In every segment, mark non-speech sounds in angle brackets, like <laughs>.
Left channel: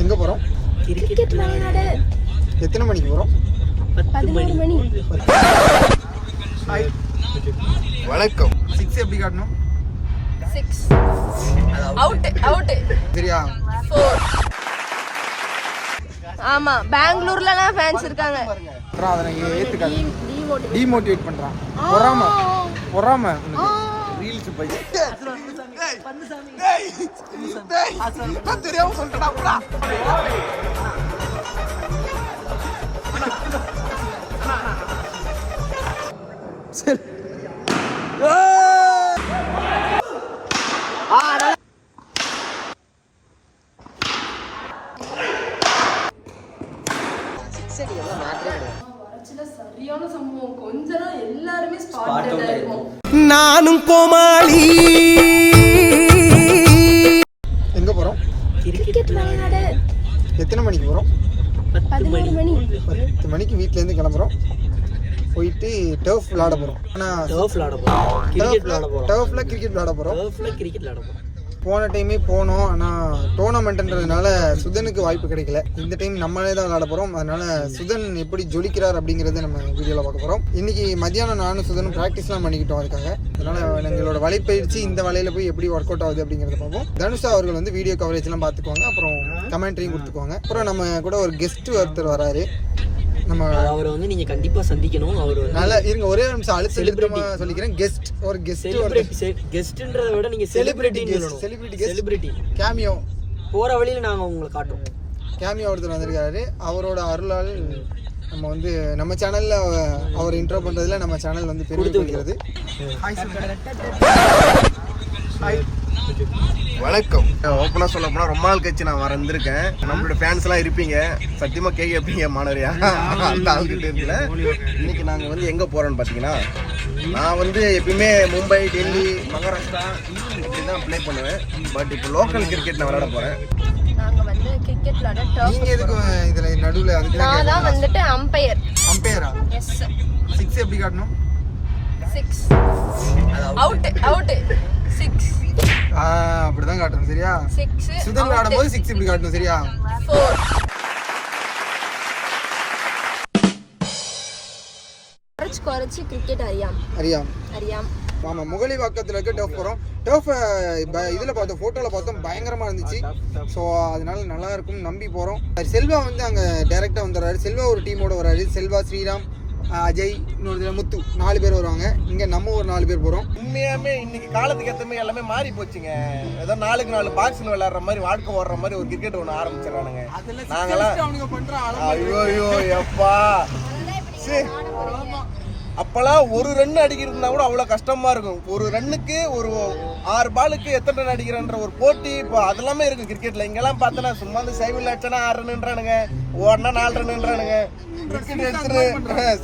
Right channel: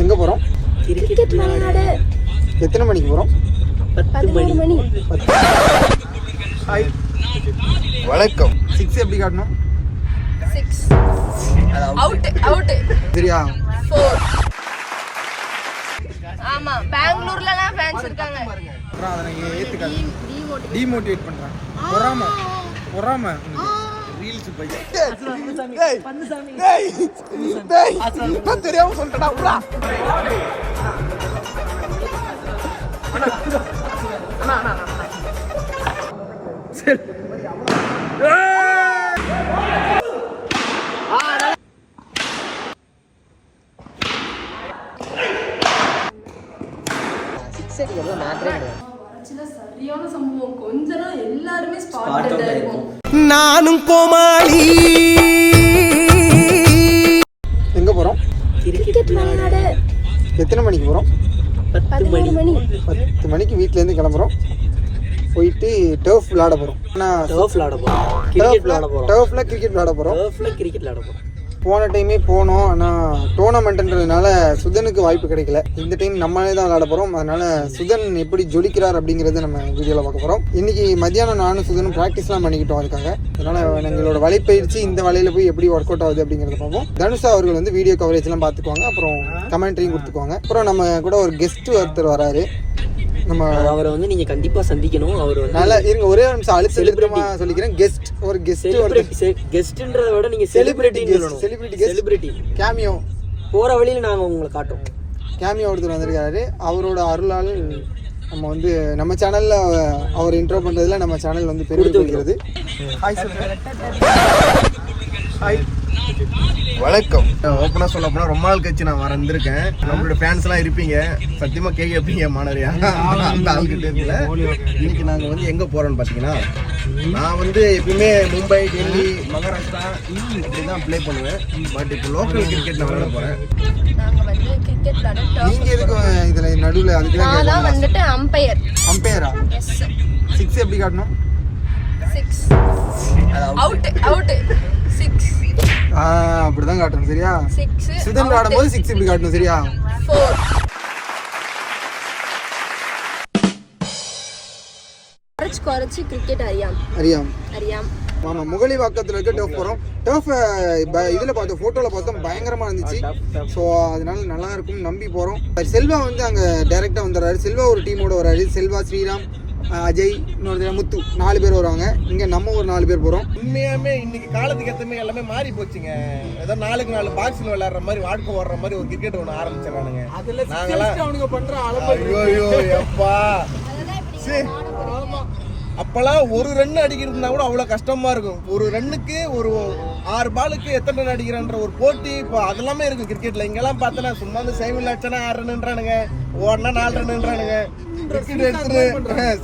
எங்கே போகிறோம் கிரிக்கெட் விளையாட எத்தனை மணிக்கு போகிறோம் பத்து மணி. மணி. ஹாய் வணக்கம். சிக்ஸ் எப்படி காட்டணும்? சிக்ஸ் அவுட் அவுட் சரியா? ஆமா பெங்களூர்லலாம் ஃபேன்ஸ் இருக்காங்க. அப்புறம் அதை நான் ஏற்றுக்காது டிமோட்டிவேட் பண்ணுறான் பொறாம. பொறாம. ரீல்ஸ் போய். தெரியாம சொல்லிட்டா சரியான சம்பவம். கொஞ்சம் எல்லாருமே ஸ்பாட் இருக்கும் நானும் கோமாளி. எங்கே விளையாட. எத்தனை மணிக்கு போகிறோம் பத்து மணி. பத்து மணிக்கு வீட்டிலேருந்து கிளம்புறோம். போயிட்டு டர்ஃப் விளாட போகிறோம் ஆனால் டர்ஃப் விளாட போறோம் கிரிக்கெட் விளாட போறோம். டர்ஃபில் கிரிக்கெட் விளாட போகிறோம் டர்ஃப்ல கிரிக்கெட் விளாட போறோம். போன டைமே போனோம். ஆனால் டோர்னமெண்ட்ன்றதுனால சுதனுக்கு வாய்ப்பு கிடைக்கல. இந்த டைம் நம்மளே தான் விளாட போகிறோம் அதனால சுதன் எப்படி ஜொலிக்கிறார் அப்படிங்கிறத நம்ம வீடியோவில் பார்க்க போகிறோம் இன்னைக்கு மத்தியானம் நானும் சுதனும் ப்ராக்டிஸ்லாம் பண்ணிக்கிட்டோம் அதுக்காக. அதனால் எங்களோட வலைப்பயிற்சி இந்த வலையில் போய் எப்படி ஒர்க் அவுட் ஆகுது அப்படிங்கிறத பார்ப்போம். தனுஷா அவர்கள் வந்து வீடியோ கவரேஜ்லாம் பார்த்துக்குவாங்க. அப்புறம் கமெண்ட்ரியும் கொடுத்துக்குவாங்க. அப்புறம் நம்ம கூட ஒரு கெஸ்ட் ஒருத்தர் வராரு. நம்ம அவரை வந்து நீங்க கண்டிப்பா சந்திக்கணும். அவர் வந்து நல்லா இருங்க ஒரே ஒரு நிமிஷம் அழுத்த எழுத்துமா சொல்லிக்கிறேன். கெஸ்ட் ஒரு கெஸ்ட் ஒரு கெஸ்ட்ன்றத விட நீங்க celebrity celebrity guest celebrity cameo போற வழியில நாங்க உங்களை காட்டுவோம். கேமியோ ஒருத்தர் வந்திருக்காரு. அவரோட அருளால் நம்ம வந்து நம்ம சேனல்ல அவர் இன்ட்ரோ பண்றதுல நம்ம சேனல் வந்து பெருமை கொள்கிறது ஹாய் ஹாய் வணக்கம். ஓப்பனா சொல்ல போனா ரொம்ப நாள் கழிச்சு நான் வந்திருக்கேன் நம்மளோட ஃபேன்ஸ் எல்லாம் இருப்பீங்க. சத்தியமா கேட்க வைப்பீங்க மாணவரியா அந்த ஆள்கிட்ட இருக்குல்ல. இன்னைக்கு நாங்க வந்து எங்க போறோம்னு பாத்தீங்கன்னா நான் வந்து எப்பயுமே மும்பை டெல்லி மகாராஷ்டிரா அப்படிதான் ப்ளே பண்ணுவேன். பட் இப்போ லோக்கல் கிரிக்கெட் நான் விளையாட போறேன். நாங்க எதுக்கு இதுல நடுவுல அதுக்கு தான் நான் தான் வந்துட்டு அம்பையர் அம்பையரா சிக்ஸ் எப்படி காட்டணும்? சிக்ஸ் அவுட் அவுட் சிக்ஸ் அப்படிதான் காட்டணும் சரியா? சுதன் விளையாடும் போது சிக்ஸ் இப்படி காட்டணும் சரியா? குறைச்சு குறைச்சு கிரிக்கெட் அறியாம். அறியாம். அறியாம். ஆமா முகலி வாக்கத்துல இருக்க டர்ஃப் போறோம். டர்ஃப் இதுல பார்த்தோம் போட்டோல பார்த்தோம் பயங்கரமா இருந்துச்சு. ஸோ அதனால நல்லா இருக்கும் நம்பி போறோம். செல்வா வந்து அங்க டைரக்டா வந்துடுறாரு. செல்வா ஒரு டீமோட வராரு செல்வா ஸ்ரீராம் அஜய் இன்னொரு முத்து நாலு பேர் வருவாங்க. இங்க நம்ம ஒரு நாலு பேர் போறோம். உண்மையாமே இன்னைக்கு காலத்துக்கு ஏற்ற மாதிரி எல்லாமே மாறி போச்சுங்க. ஏதோ நாளுக்கு நாலு பாக்ஸில் விளையாடுற மாதிரி வாழ்க்கை ஓடுற மாதிரி ஒரு கிரிக்கெட் ஒன்று ஆரம்பிச்சிடறானுங்க. அதுல நாங்கெல்லாம் அவனுங்க பண்ற ஐயோ எப்பா? சீ. அப்பெல்லாம் ஒரு ரன் அடிக்கிறதுனா கூட அவ்வளவு கஷ்டமா இருக்கும். ஒரு ரன்னுக்கு ஒரு ஆறு பாலுக்கு எத்தனை ரன் அடிக்கிறன்ற ஒரு போட்டி இப்போ அதெல்லாமே இருக்கும் கிரிக்கெட்ல இங்கெல்லாம் பார்த்தனா சும்மா வந்து சைவல் அடிச்சனா ஆறு ரன்ன்றானுங்க ஓடனா நாலு ரன்ன்றானுங்க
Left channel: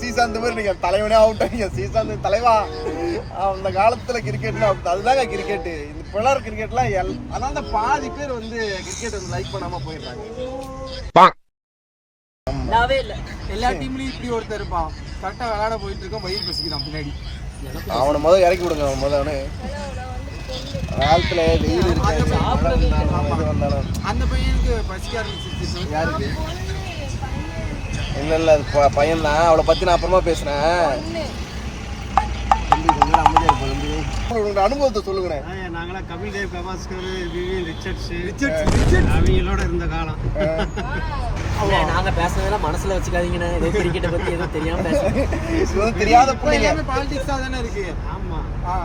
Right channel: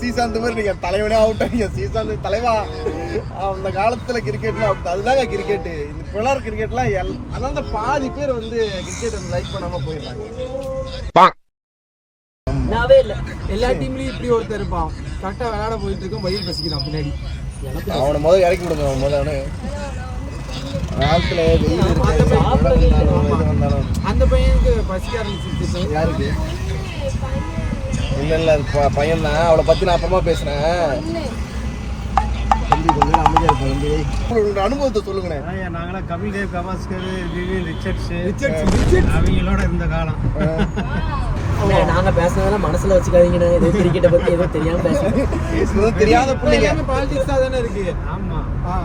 சீசாந்த் <laughs> மாதிரி நீங்க தலைவனே அவுட் ஆகிங்க சீசாந்த் தலைவா. அந்த காலத்துல கிரிக்கெட்ல அதுதாங்க கிரிக்கெட் இப்போ விளையாடுற கிரிக்கெட்லாம் எல் அதான் அந்த பாதி பேர் வந்து கிரிக்கெட் லைக் பண்ணாம போயிடுறாங்க. நாவே இல்ல. எல்லா டீம்லயும் இப்படி ஒருத்தர் இருப்பான். கரெக்டா விளையாட போயிட்டு இருக்கோம். வயிறு பசிக்கிறான் பின்னாடி. அவனை முதல்ல இறக்கி விடுங்க முதல்ல ஆழ்த்துல வெயில் அந்த பையனுக்கு பசிக்க ஆரம்பிச்சிருச்சு யாருக்கு? இல்ல இல்ல அது ப- பையன் தான் அவளை பத்தி நான் அப்புறமா உங்களோட அனுபவத்தை சொல்லுங்கண்ணே. நாங்களாம் கபில் தேவ் கவாஸ்கர் ரிச்சர்ட்ஸ் ரிச்சர்ட்ஸ். அவங்களோட இருந்த காலம். நாங்க பேசுனதெல்லாம் மனசுல வச்சுக்காதீங்க கிரிக்கெட்டை பத்தி ஏதோ தெரியாம பேசுறேன் இது தெரியாத பிள்ளைங்க. பாலிடிக்ஸா தானே இருக்கு. ஆமா.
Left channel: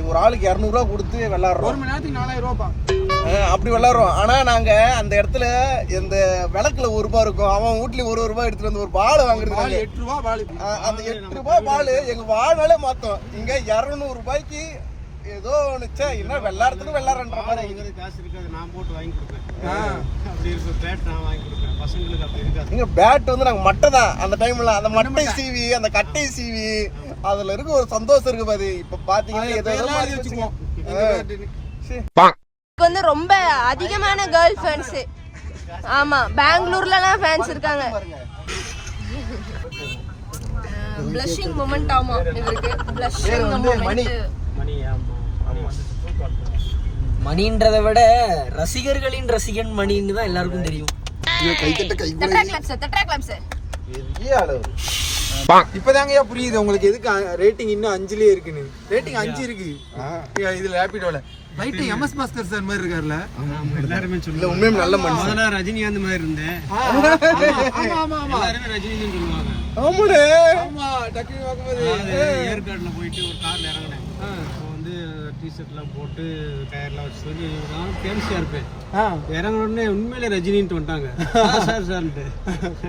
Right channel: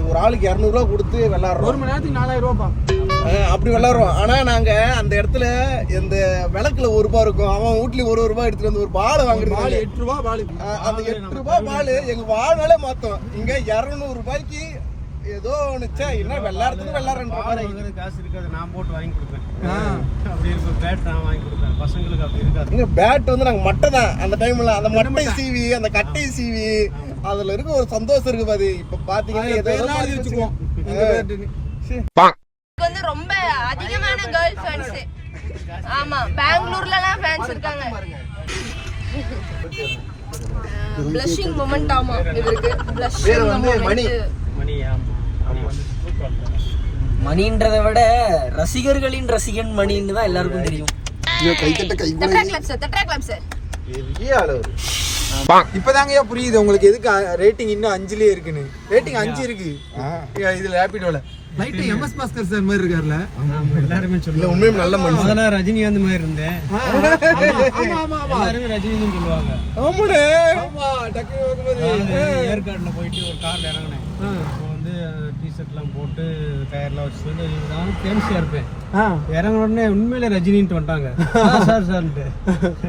ஒரு ஆளுக்கு இரநூறுவா கொடுத்து ஒரு விளாடுறோம் மணி நேரத்துக்கு நாலாயிரம் ரூபாப்பா. அப்படி விளாடுறோம். ஆனா நாங்க அந்த இடத்துல இந்த விளக்குல ஒரு ரூபாய் இருக்கும். அவன் வீட்லயும் ஒரு ரூபாய் எடுத்துட்டு வந்து ஒரு பாலை பால் வாங்குறது எட்டு ரூபா பால் அந்த எட்டு ரூபாய் பால் எங்க வாழ்நாளே மாத்தோம். இங்க இருநூறு ரூபாய்க்கு ஏதோ ஒண்ணுச்சா என்ன வெள்ளாரத்துக்கு வெள்ளாரன்ற பால் மாதிரி காசு இருக்காது. நான் போட்டு வாங்கி கொடுப்பேன். அப்படி இருக்கும் பேட் நான் வாங்கி கொடுப்பேன். பசங்களுக்கு அப்படி இருக்காது. இங்க பேட் வந்து நாங்க மட்டை தான் அந்த டைம்ல அந்த மட்டை சீவி அந்த கட்டை சீவி அதுல இருக்க ஒரு சந்தோஷம் இருக்கு பாரு இப்ப எழுதி மாறி வச்சுக்குவோம். ரொம்ப அதிகமான கேர்ள் ஃப்ரெண்ட்ஸ் ஆமா பெங்களூர்லலாம் ஃபேன்ஸ் இருக்காங்க. ப்ளஷிங் மொமெண்ட் ஆமா இவருக்கு. ப்ளஷிங் பேர் வந்து மணி. மணி ஆமா. மணின்றதை விட ரசிகர்களின் ரசிகன் மணின்னு தான் எல்லாருக்கும் தெரியும். கை தட்ட கை கூட தட்டா கிளாப்ஸ் தட்டா கிளாப்ஸ் பெரிய ஆளு அவரு. இப்பதாங்கய்யா புரியுது உங்களுக்கு எதுக்கு ரேட்டிங் இன்னும் அஞ்சுலயே இருக்குன்னு. ரேட்டிங் அஞ்சு இருக்கு. இதுல ரேபிடோல லைட்டா எம்எஸ் பாஸ்கர் சார் மாதிரி இருக்காருல்ல ஆமா, எல்லாருமே சொல்லுவாங்க. உண்மையும் நல்ல மனுஷன். முதல்ல ரஜினிகாந்த் மாதிரி இருந்தேன். ஆமா ஆமா ஆமா எல்லாருமே ரஜினின்னு சொல்லுவாங்க. ஆமாடே. ஆமா அதாவது ஏற்காடுல போயிட்டு ஒரு கார்ல இறங்கினேன். வந்து டிஷர்ட்லாம் போட்டு டயர்லாம் வச்சுட்டு நான் ஃபேன்சியா இருப்பேன் ஆ. இறங்குன உடனே உண்மையிலே ரஜினின்ட்டு வந்துட்டாங்க. <laughs> சார் சார்ன்ட்டு.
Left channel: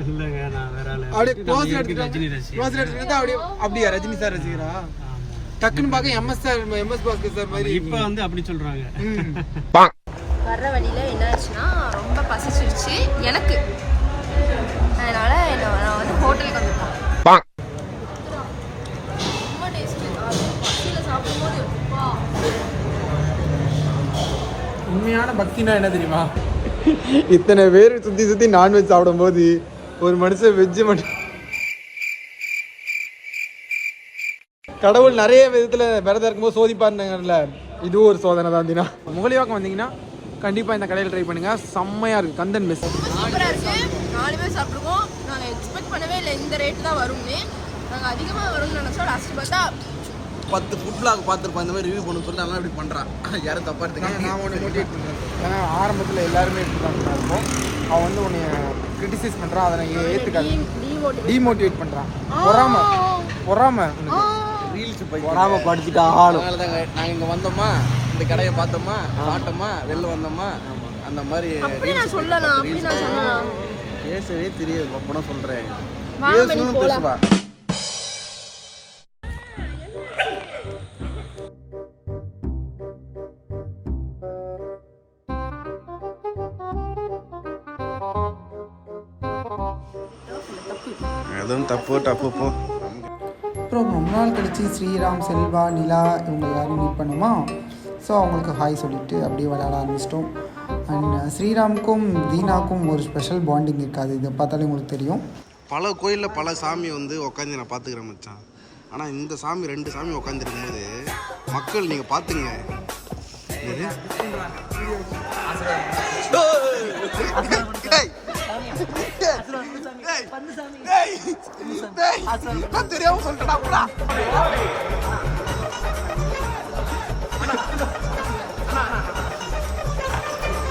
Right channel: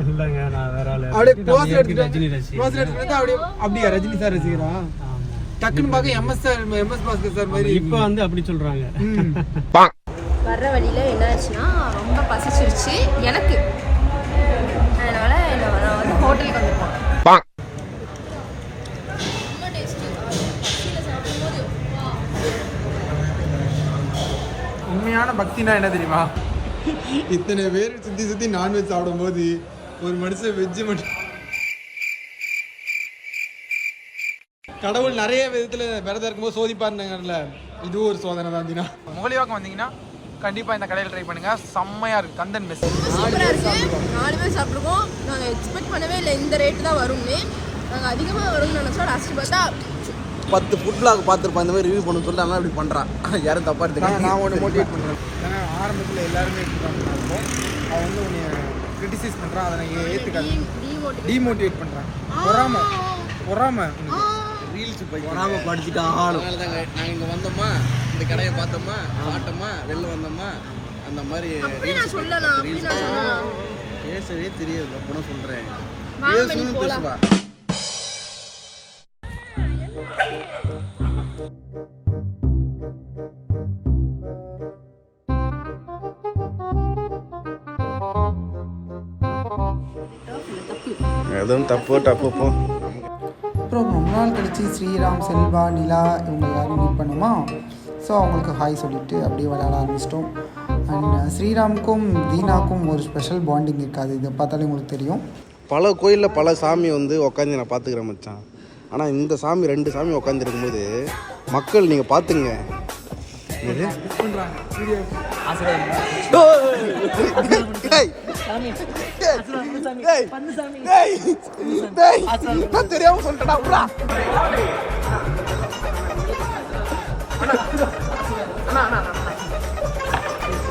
இல்லைங்க நான் வேற ஆளு. ரஜினி எடுத்துட்டா அப்படியே அப்படியா ரஜினி சார் ரசிகரா? டக்குன்னு பார்க்க M S sir M S Bhaskar sir மாதிரி. இப்போ வந்து அப்படி சொல்றாங்க. வர்ற வழியில என்ன ஆச்சுன்னா ரொம்ப பசிச்சிருச்சு எனக்கு. அதனால நான் வந்து ஹோட்டலுக்கு வந்திருக்கோம் ரொம்ப டேஸ்டி பசியில் சாப்பிடும்போது வா. உண்மையான பக்தினா என்ன தெரியுமா? இத்தனை பேர் சுத்தி சுத்தி நான்வெஜ் சாப்பிடும்போது ஒரு மனுஷன் வெஜ் மட்டும் கடவுள் நிறைய விதத்துல விரதம் இருக்கும்போது சோதிப்பாருந்தாங்கல்ல இதுவும் ஒரு சோதனை தான் தினா. முகலிவாக்கம் வந்தீங்கன்னா கண்டிப்பா இந்த கடையில் ட்ரை பண்ணுங்க. செம்மையா இருக்கு. கந்தன் மெஸ் நாலு பேர் சாப்பிட்ருக்கோம் நாங்கள் எக்ஸ்பெக்ட் பண்ணவே இல்லை. இந்த ரேட்டு தான் வரும்னு. நாங்கள் அதிகமாக வரும்னு நினச்சோம். லாஸ்ட் பார்த்தா பத்து ஃபுட் பிளாக் பார்த்துருப்பான் இந்த மாதிரி ரிவ்யூ பண்ண சொல்லிட்டு அதனால இப்படி பண்றான். யாரும் தப்பா நான் எடுத்துக்காங்க நான் ஒன்று மோட்டிவேட் பண்ணுறேன் ஏன்னா ஆரம்பத்தில் எல்லாருமே இப்படி தான் இருப்போம். அவன் வந்து உன்னை கிரிட்டிசைஸ் பண்ணுறான் அதை நான் ஏற்றுக்காது டிமோட்டிவேட் டிமோட்டிவேட் பண்ணுறான் பொறாம பொறாம உனக்கு. பொறாம படிச்சுட்டா ஆளு. அதனால தாங்க நாங்க இங்க வந்தோமா? இந்த கடையை பார்த்தோமா? சாப்பிட்டோமா? வெளில வந்தோமா? அந்த மாதிரி பேசவே தெரியாது அப்பனா சொல்றேன். பேசணும். பேசுவா. எதுவும் தப்பு தப்பு போ. அப்புறம் ரொம்ப நாள் கழிச்சு ஸ்ரீராம் செல்வா நிலா இவங்க எல்லாரும் மீட் பண்ணோமா? ஸோ அவங்களுக்கு ஹாய் சொல்லிட்டு அப்படியே விளையாட ஆரம்பிச்சிட்டோம். அண்ட் ஸ்ரீராமுக்கும் தீனாக்கும் ஒரு ஸ்பெஷல் பாண்டிங் இருக்காது. இதை பார்த்தாலே உங்களுக்கு தெரியும். பல கோயிலில் பல சாமி வந்து உட்காந்து நான் பார்த்துக்கிறேன் மச்சான். ஆனால் இந்த சாமி ரெண்டு சாமி உட்காந்துருக்கும் போது மக்கள் நீங்கள் பார்த்துங்க. என்னது? நான் தெரியாம சொல்லிட்டேன்டா, விட்றா.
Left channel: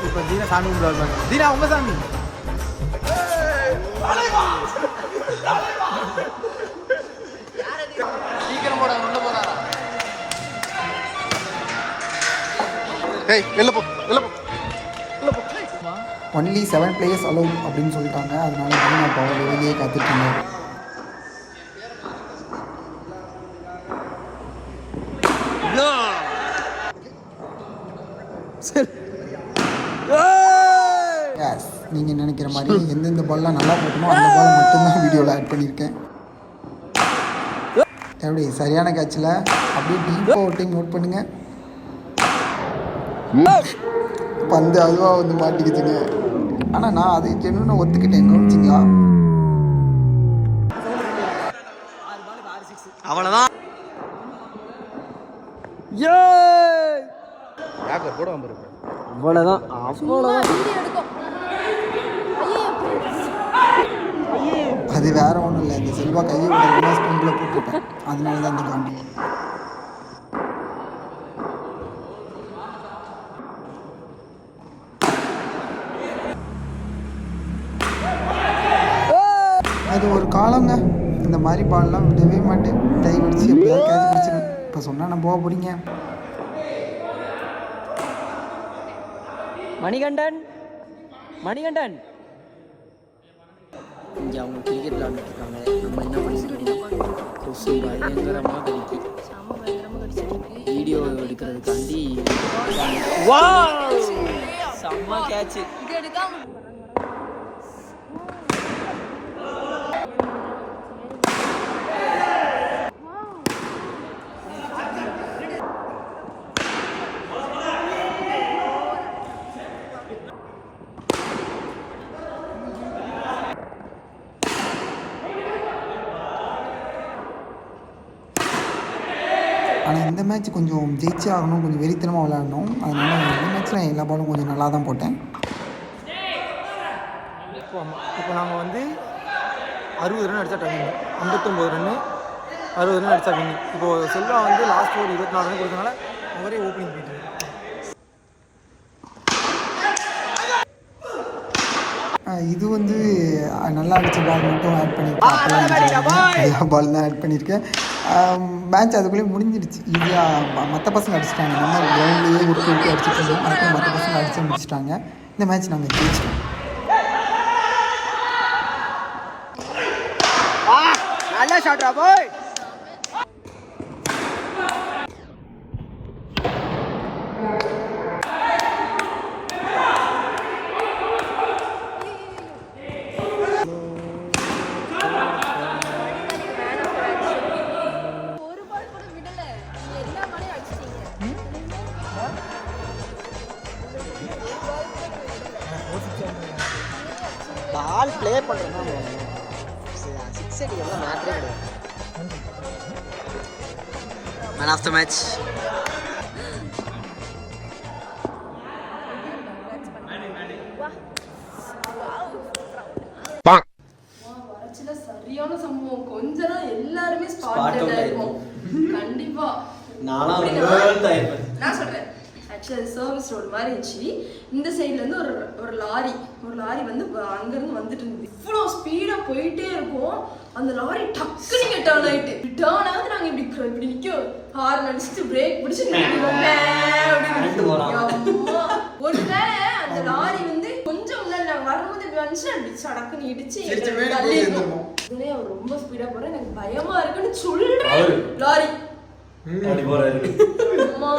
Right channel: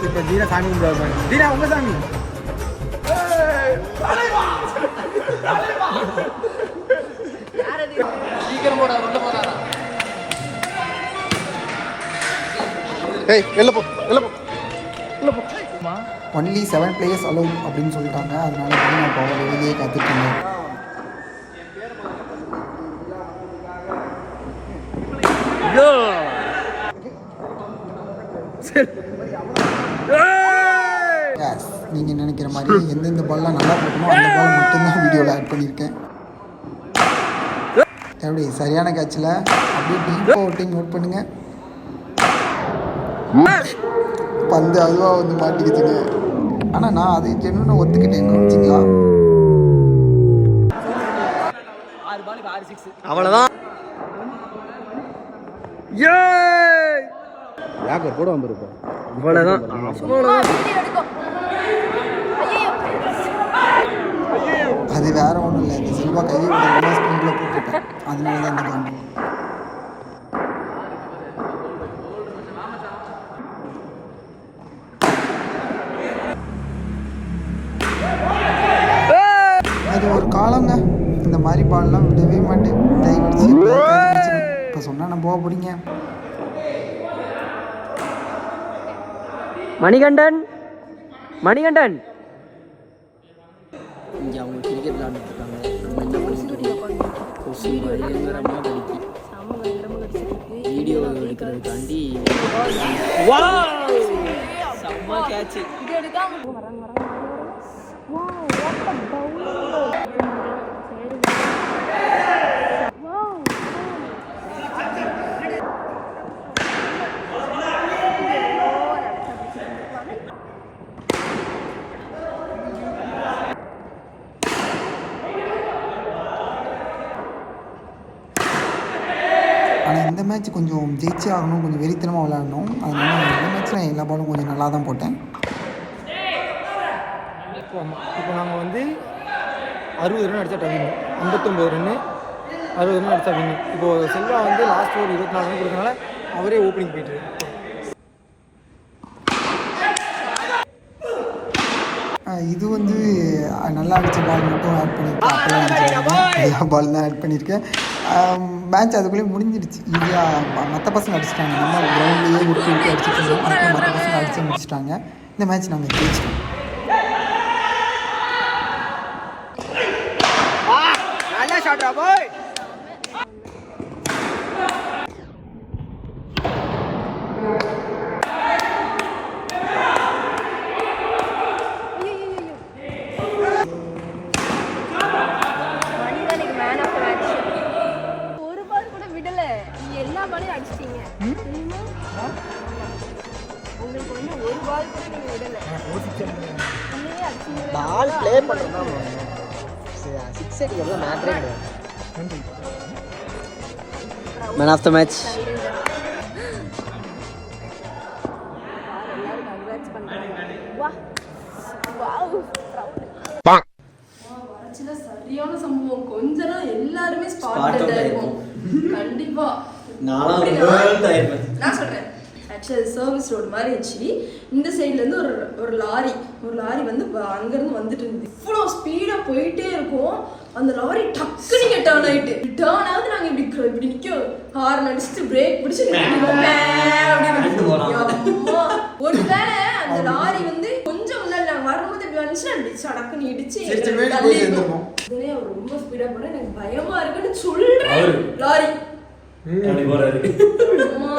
இப்போ தீனா சாமி தீனா உங்க சாமி. டேய் வெளில போ வெளில போ. ஒன்லி செவன் பிளேயர்ஸ் அலோவ் அப்படின்னு சொல்லிட்டாங்க. அதனால தீனா பாவம் வெளியே காத்துட்ருங்க எஸ் நீங்கள் நினைக்கிற மாதிரி எந்தெந்த பால்லாம் நல்லா போட்டோமோ அந்த பாலை மட்டும்தான் வீடியோவில் ஆட் பண்ணியிருக்கேன். எப்படி? சரியான கேட்சில் அப்படியே டீப்பாக டைம் நோட் பண்ணுங்க. பந்து அதுவாக வந்து மாட்டிக்கிச்சுங்க. ஆனால் நான் அதை ஜென்னுன்னு ஒத்துக்கிட்டேன் கவனிச்சிங்களா? அவ்வளோதான் யாக்கர் கூட வந்திருப்போம் அவ்வளோதான் அது வேற ஒன்றும் இல்லை. இந்த செல்வா கையை விட ஸ்பின்ல போட்டுருப்பேன் அதனால தான் இந்த காண்டி இந்த மாதிரி பால்லாம் விடவே மாட்டேன். எப்படியாவது கேட்ச் பிடிச்சிடும் இப்போ சொன்னால் நான் போக போறீங்க. மணிகண்டன் மணிகண்டன். இங்கே அவங்க கிரிக்கெட் விளாண்டுருக்காங்க நம்ம என்ன பண்ணிட்டு கொசு பயங்கரமாக கடிக்கி. வீடியோ எடுக்கிறதுக்காண்டி செம்ம கேட்ச் மேட்ச் கொஞ்சம் ஜெயிச்சே ஆகணும் கொஞ்சம் வெறித்தனமாக விளையாடணும். அதனால இந்த மேட்ச்சில் எல்லா பாலும் கொஞ்சம் நல்லா தான் போட்டேன். இப்போ ஆமாம் இப்போ நாங்கள் வந்து அறுபது ரன் அடித்தா டவிங்க ஐம்பத்தொம்போது ரன்னு அறுபது ரன் அடித்தா வின்னு இப்போது செல்வா வந்து லாஸ்ட் ஒரு இருபத்தி நாலு ரன் கொடுத்தனால அவரே ஓப்பனிங் போயிட்டு இது வந்து நல்லா அடித்த பால் மட்டும் ஆட் பண்ணியிருக்கேன் அப்போல்லாம் அடிச்சிருக்கேன் எல்லா பால் தான் ஆட் பண்ணியிருக்கேன். மேட்ச் அதுக்குள்ளேயே முடிஞ்சிடுச்சு. ஈஸியாக மற்ற பசங்க அடிச்சிட்டாங்க. நம்ம கிரவுண்ட்லேயே உருட்டி உருட்டி அடிச்சிட்டு இருந்தோம். அதுக்குள்ளே மற்ற பசங்க அடிச்சு முடிச்சிட்டாங்க. இந்த மேட்ச் நாங்கள் ஜெயிச்சிட்டோம். சிக்ஸ் மேட்ரே கிடையாது. மேன் ஆஃப் த மேட்ச் வரச்சுல சரியான சம்பவம். கொஞ்ச நாள் எல்லாருமே ஸ்பாட் கண்டிப்பா. நான் சொல்றேன். ஆக்சுவலி சர்வீஸ் ரோடு மாதிரி இருந்துச்சு. இந்த சைடுல இருந்து ஒரு ஒரு லாரி ஒரு லாரி வந்து வ- அங்க இருந்து வந்துட்டு இருந்தது. இவ்வளோ ஸ்பீடா போயிட்டே இருக்கும். அந்த லாரி டக்குனு டேர்ன் ஆயிட்டு. டேர்ன் ஆகுது. நாங்க இப்படி இப்படி நிக்க ஹார்ன் அடிச்சுட்டு பிரேக் பிடிச்சு போலாம். ஒருவேளை அந்த லாரி வந்து கொஞ்சம் முன்னாடி நாங்க வரும்போது இப்படி வந்துச்சுன்னா இப்படி சடக்குன்னு இடிச்சு. இதுலயே அவர் ரொம்ப ஸ்பீடா போனா எனக்கு பயமா இருக்குன்னு சொல்றேன். லாரி. அம்மா,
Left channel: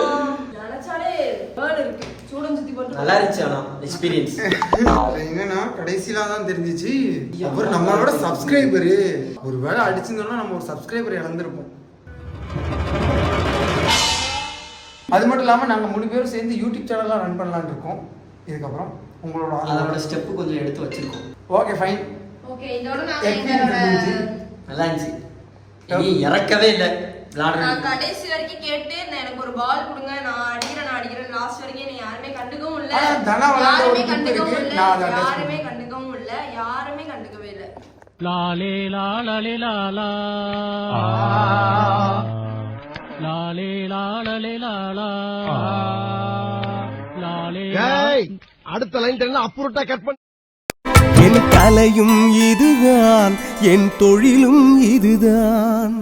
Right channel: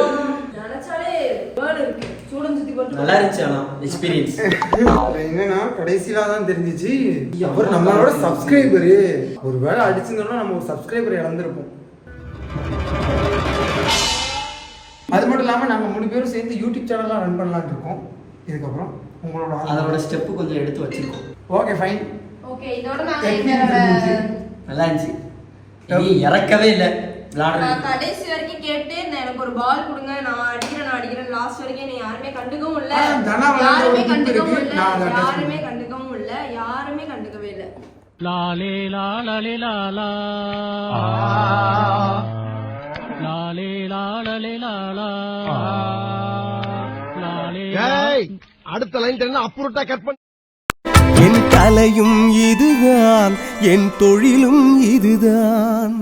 நினைச்சாலே burn இருக்கு. சூடம் சுத்தி போட்டு நல்லா இருந்துச்சு ஆனால் எக்ஸ்பீரியன்ஸ் என்னன்னா கடைசியில தான் தெரிஞ்சிச்சு. அவர் நம்மளோட சப்ஸ்கிரைபரு ஒரு வேளை அடிச்சிருந்தோம்னா நம்ம ஒரு சப்ஸ்கிரைபர் இழந்திருப்போம். அது மட்டும் இல்லாமல் நாங்கள் மூணு பேரும் சேர்ந்து யூடியூப் சேனல்லாம் ரன் பண்ணலாம்னு இருக்கோம். இதுக்கப்புறம் உங்களோட அதோட ஸ்டெப்பு கொஞ்சம் எடுத்து வச்சிருக்கோம். ஓகே ஃபைன் ஓகே இதோட நான் என்னோட நல்லா இருந்துச்சு. இறக்கவே இல்லை. நான் கடைசி வரைக்கும் கேட்டு எனக்கு ஒரு பால் கொடுங்க. நான் அடிக்கிறேன் நான் அடிக்கிறேன். லாஸ்ட் வரைக்கும் என்னை யாருமே கண்டுக்கவும் இல்ல. யாருமே கண்டுக்கவும். இல்ல. யாருமே கண்டுக்கவும் இல்ல. யாருமே கண்டுக்கவே இல்ல. லாலே லாலலே லாலா லாலே லாலலே லாலா லாலே அடுத்த லைன் அப்புறட்டா கட் பண்ண. என் கலையும் இதுதான் என் தொழிலும் இதுதான்.